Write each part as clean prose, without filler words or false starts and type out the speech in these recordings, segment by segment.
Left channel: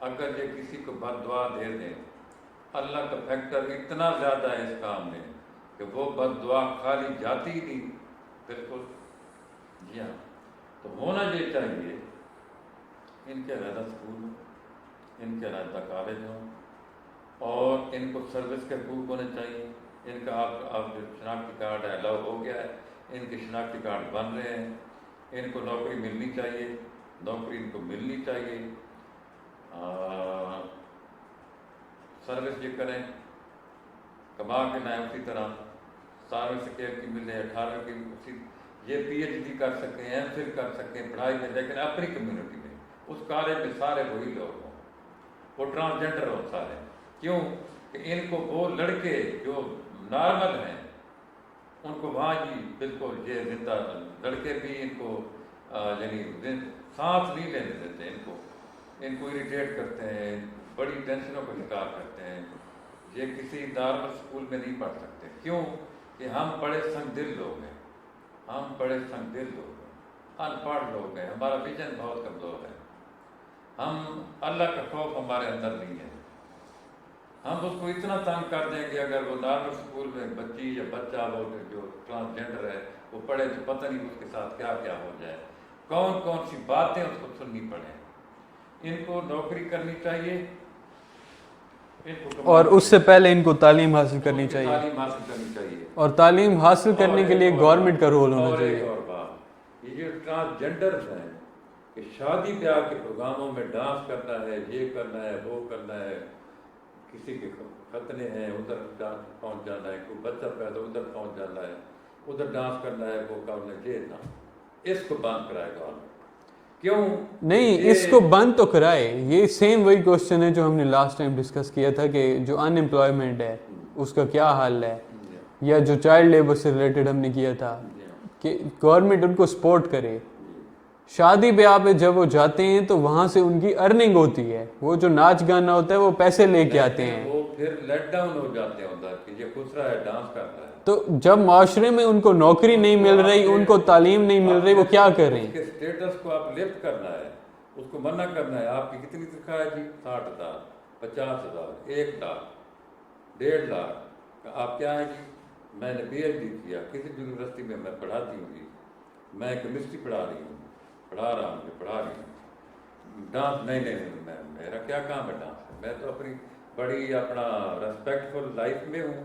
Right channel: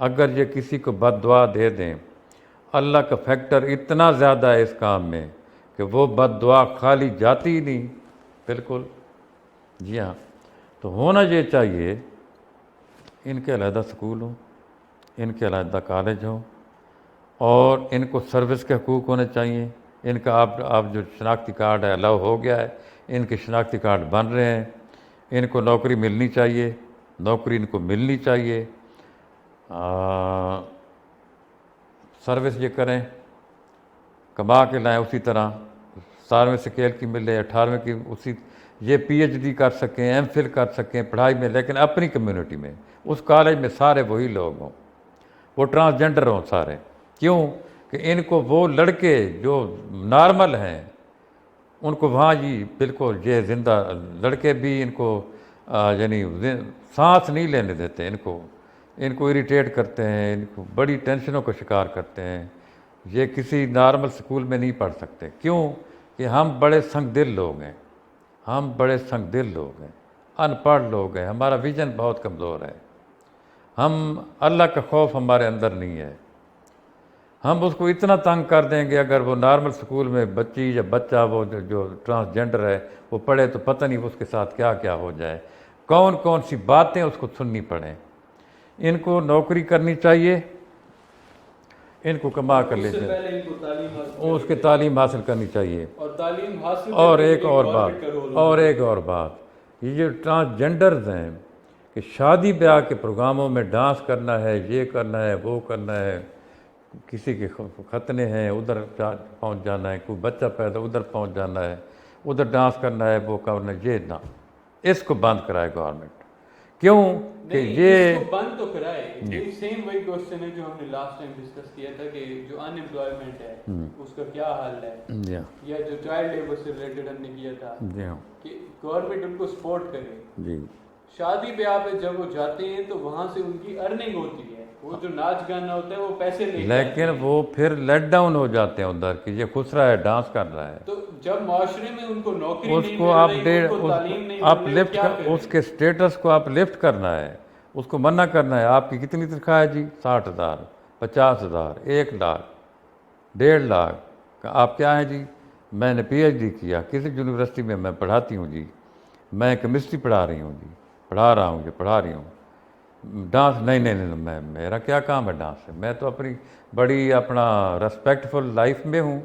اگر یہ کسی کو بد دعا دے دیں، اللہ کا فیکٹر اتنا زیادہ ہے اس کام میں کہ وہ بد دعا خالی جاتی ہی نہیں. بالکل جی ہاں. تو ہونا یہ چاہیے ان کے علیحدہ سکول ہوں، ان کے علیحدہ کالج ہوں، اور ان کو سروس کے حقوق ہونے چاہیے. ان کا آپ جو شناختی کارڈ ہے الاؤ ہو گیا ہے، ان کے شناختی کارڈ بن رہے ہیں. ان کو نوکری ملنی چاہیے، نوکری ان کو ملنی چاہیے. سروس یہ کریں، کما کے لائیں اسی طرح. 17ویں سکیل کی ملے، 18ویں کی اسی. یہ پی ایچ ڈی کر سکیں، ایم فل کر سکیں پڑھائی میں، لیکن اپنی کمیونٹی میں. اس کالج میں سارے وہی لوگ ہوں، وہ ٹرانسجنڈر ہوں سارے. کیوں کہ ان کو وہ لڑکے جو نارمل ہیں ان کو وہاں جی بالکل یہ زندہ لڑکے بھی ان کو یعنی سانس نہیں لینے دیتے. ان کو اریٹیٹ کرتے ہیں، ان کو بڑی ٹینشنوں کا شکار کرتے ہیں. یہ کسی نارمل سکول میں نہیں پڑھ سکتے. کیوں کہ ہم بڑے سنگ دل لوگ ہیں، ہم بڑے سنگ دل لوگ ہیں، ان پڑھ لوگ ہیں. ہمارا ویژن بہت کمزور ہے. ہم اللہ کا خوف ہمارے اندر نہیں ہے. ہم اس کو اتنا تنگ کر دیں گے اگر وہ نارمل سکول میں بچی یا بچہ وہ جو ٹرانسجنڈر ہے وہ پڑھے تو پتہ نہیں اس کے ساتھ کیا کیا ہو جائے، کون کون سی باتیں اس کو سننی پڑیں. ان کو نوکری کرنی چاہیے، ان کو کما اور کر اس سے پہلے ان کو تعلیم حاصل کرنی اس کی چاہیے، تعلیم حاصل کرنی چاہیے. اور تعلیم حاصل کرنے کے لیے گورنمنٹ کا رول ہونا اور چاہیے. ایک اور بات، یہ جو ٹرانسجنڈرز ہیں کہ شادی بیاہ کے پروگراموں میں ڈانس کرنا ہے، یہ کرنا ہے، وہ کرنا ہے، کسی کے ختنے ہیں ادھر پہنچ جانا ہے، کوئی بچہ پیدا ادھر پہنچ جانا ہے، ادھر ڈانس کرنا ہے، وہ کرنا ہے، یہ نہ. اس کو بند کرائے گورنمنٹ. کیوں نہیں، اس کو بند تو کرائے. یہ سیم وہی کوشچن ہے جو ہم نے لاسٹ ٹائم ڈسکس کیا تھا کہ جو ان امپلائمنٹ ہے اس کا کیا حل ہے، یا جو چائلڈ لیبر سے ریلیٹڈ ہم نے کیا تھا کہ گورنمنٹ ان کو سپورٹ کرے. شادی بیاہ پہ جب وہ جاتے ہیں تو وہاں سے ان کی ارننگ ہوتی ہے، وہ جو ناچ گانا ہوتا ہے وہ پیسے لے کے آتے ہیں، لیکن وہ پھر لیٹ ڈاؤن ہو جاتے ہیں ادھر کہ یہ خس رہا ہے، ڈانس کر رہا ہے. تو جب معاشرے میں ان کو نوکری نہیں مل رہی، ان کو تعلیم نہیں مل رہی، وہ کیا کریں؟ اس کے سٹیٹس کو آپ لفٹ کرنا ہے، اس کو منع کرنا ہے. آپ کی کتنی تنخواہ ہے جی؟ 60,000، 50,000، 1 لاکھ، 1.5 لاکھ. آپ کیا ہیں جی؟ میں نے پی ایچ ڈی کیا، کسی یونیورسٹی میں میں پڑھاتی ہوں جی، میں کیمسٹری پڑھا رہی ہوں جی، پڑھا رہا ہوں جی، پڑھا رہی ہوں. ڈانس نہیں، میں میرا کیا کام ہے ڈانس سے؟ میں تو اپنی بڑی اپنا ریسپیکٹفل لائف میں ہوں،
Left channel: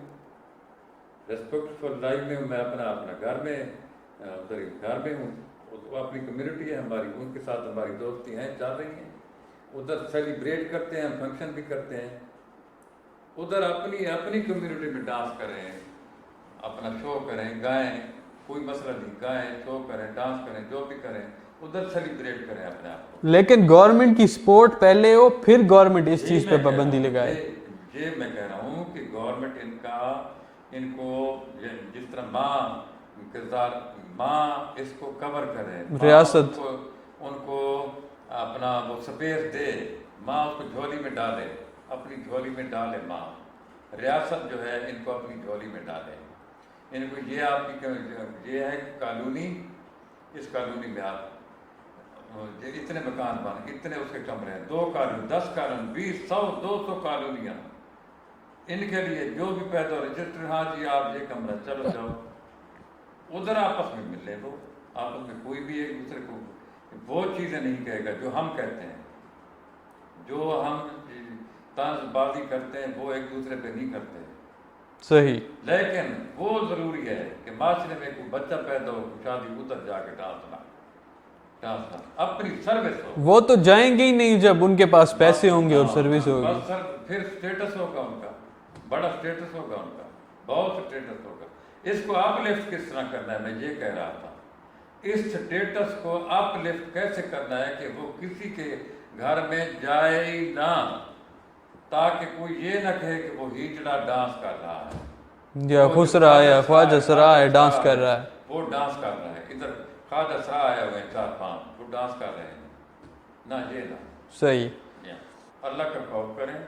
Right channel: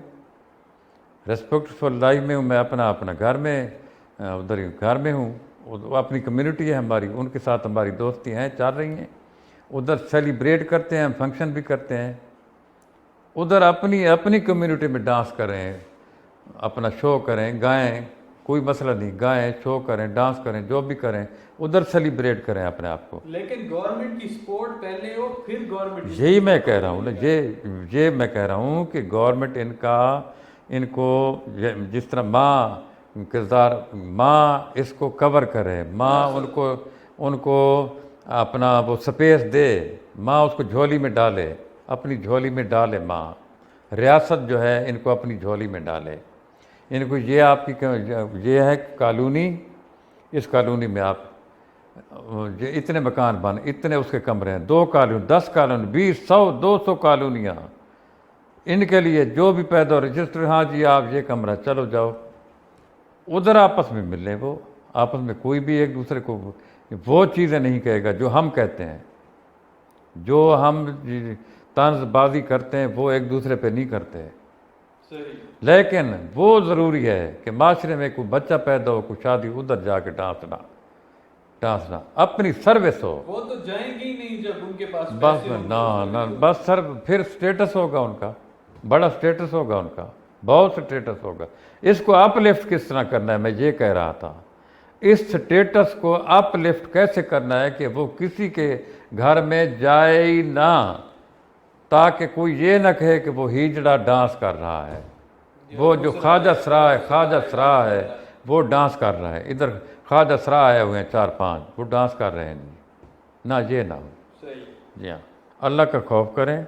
میں اپنا گھر میں ادھر گھر میں ہوں. وہ اپنی کمیونٹی ہے ہماری، ان کے ساتھ ہماری دوستی ہیں، چل رہی ہیں. ادھر سیلیبریٹ کرتے ہیں، فنکشن بھی کرتے ہیں. ادھر اپنی کمیونٹی میں ڈانس کریں، اپنا شو کریں، گائیں، کوئی مسئلہ نہیں، گائیں، شو کریں، ڈانس کریں، جو بھی کریں، ادھر سیلیبریٹ کریں اپنے آپ کو. لیکن گورنمنٹ کی سپورٹ پہلے ہو، پھر گورنمنٹ اس چیز پہ پابندی لگائے. یہ میں کہہ رہا ہوں کہ گورنمنٹ ان کو جس طرح ماں کردار، ماں اس کو کور کرے، ماں ان کو اپنا وہ سپیس دے، ماں اس کو جھولی میں ڈالے، اپنی جھولی میں ڈالے. ماں ریاست جو ہے ان کو اپنی جھولی میں ڈالے. ان کو یہ آپ کی یہ ہے کالونی، اس کالونی میں آپ اتنے مکان بن، اتنے اس کے کمرے ہیں، 2 کالونی، 10 کالونی، 20، 100، 200 کالونیاں. ان کے لیے جو بھی پیدا ہو رجسٹر، ہاں جی آپ یہ کمرہ، چلو جاؤ. ادھر آپس میں ملے، وہ آپس میں کوئی بھی ایک دوسرے کو وہ چیزیں نہیں کہے گا جو ہم کہتے ہیں. جو ہم طنز بازی کرتے ہیں وہ ایک دوسرے پہ نہیں کرتے. صحیح. لیکن وہ ضروری ہے کہ معاشرے میں کوئی بچہ پیدا ہو، کوئی شادی، ادھر جا کے ڈانسنا اپنی سروس ہو. وہ تو جائیں گے ہی نہیں جب ان کے پاس پیسے ہوں گے اور سروس ہوگی. بس سر پھر سٹیٹس ہوگا ان کا، بڑا سٹیٹس ہوگا ان کا، بہت سٹیٹس ہوگا. اس کو اپ لفٹ کس طرح کرنا ہے، میں یہ کہہ رہا تھا. اس سٹیٹس کو اپ لفٹ کیسے کرنا ہے کہ وہ کسی کے گھر میں جائے ہی نہ، تاکہ کوئی یہ نہ کہے کہ وہ ہیجڑا ڈانس کر رہا ہے، وہ جو خواجہ ڈانس کر رہا ہے، وہ ڈانس کر رہا ہے. ادھر خواجہ سرا آئے ہوئے ہیں 4-5، وہ ڈانس کر رہے ہیں. نہ یہ نہ. صحیح. اللہ کا خوف کریں.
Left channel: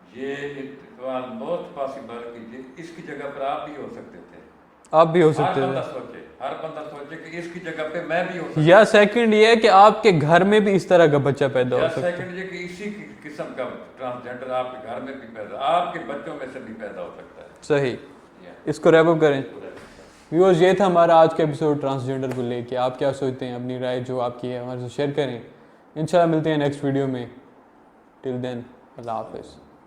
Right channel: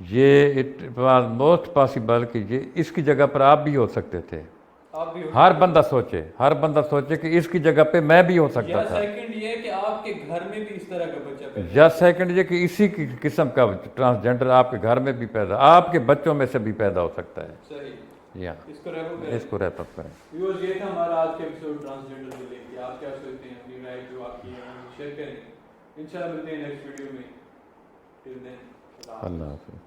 یہ اٹ واز موسٹ پاسبل کہ یہ اس کی جگہ پر آپ بھی ہو سکتے تھے. آپ بھی ہو ہر سکتے بندہ سوچے کہ اس کی جگہ پہ میں بھی ہو سکتا یا سیکنڈ یہ ہے کہ آپ کے گھر میں بھی اس طرح کا بچہ پیدا یا سیکنڈ یہ کہ اسی کی قسم کا ٹرانسجینڈر آپ کے گھر میں بھی پیدا، آپ کے بچوں میں سے بھی پیدا ہو سکتا ہے. صحیح. یا اس کو ریپ اپ کریں. اس کو ریپ اپ کریں. ویورز یہ تھا ہمارا آج کا ایپیسوڈ ٹرانسجینڈر کو لے کے. آپ کیا سوچتے ہیں؟ اپنی رائے جو آپ کی ہے ہمارے سے شیئر کریں. انشاءاللہ ملتے ہیں نیکسٹ ویڈیو میں. ٹل دین اللہ حافظ.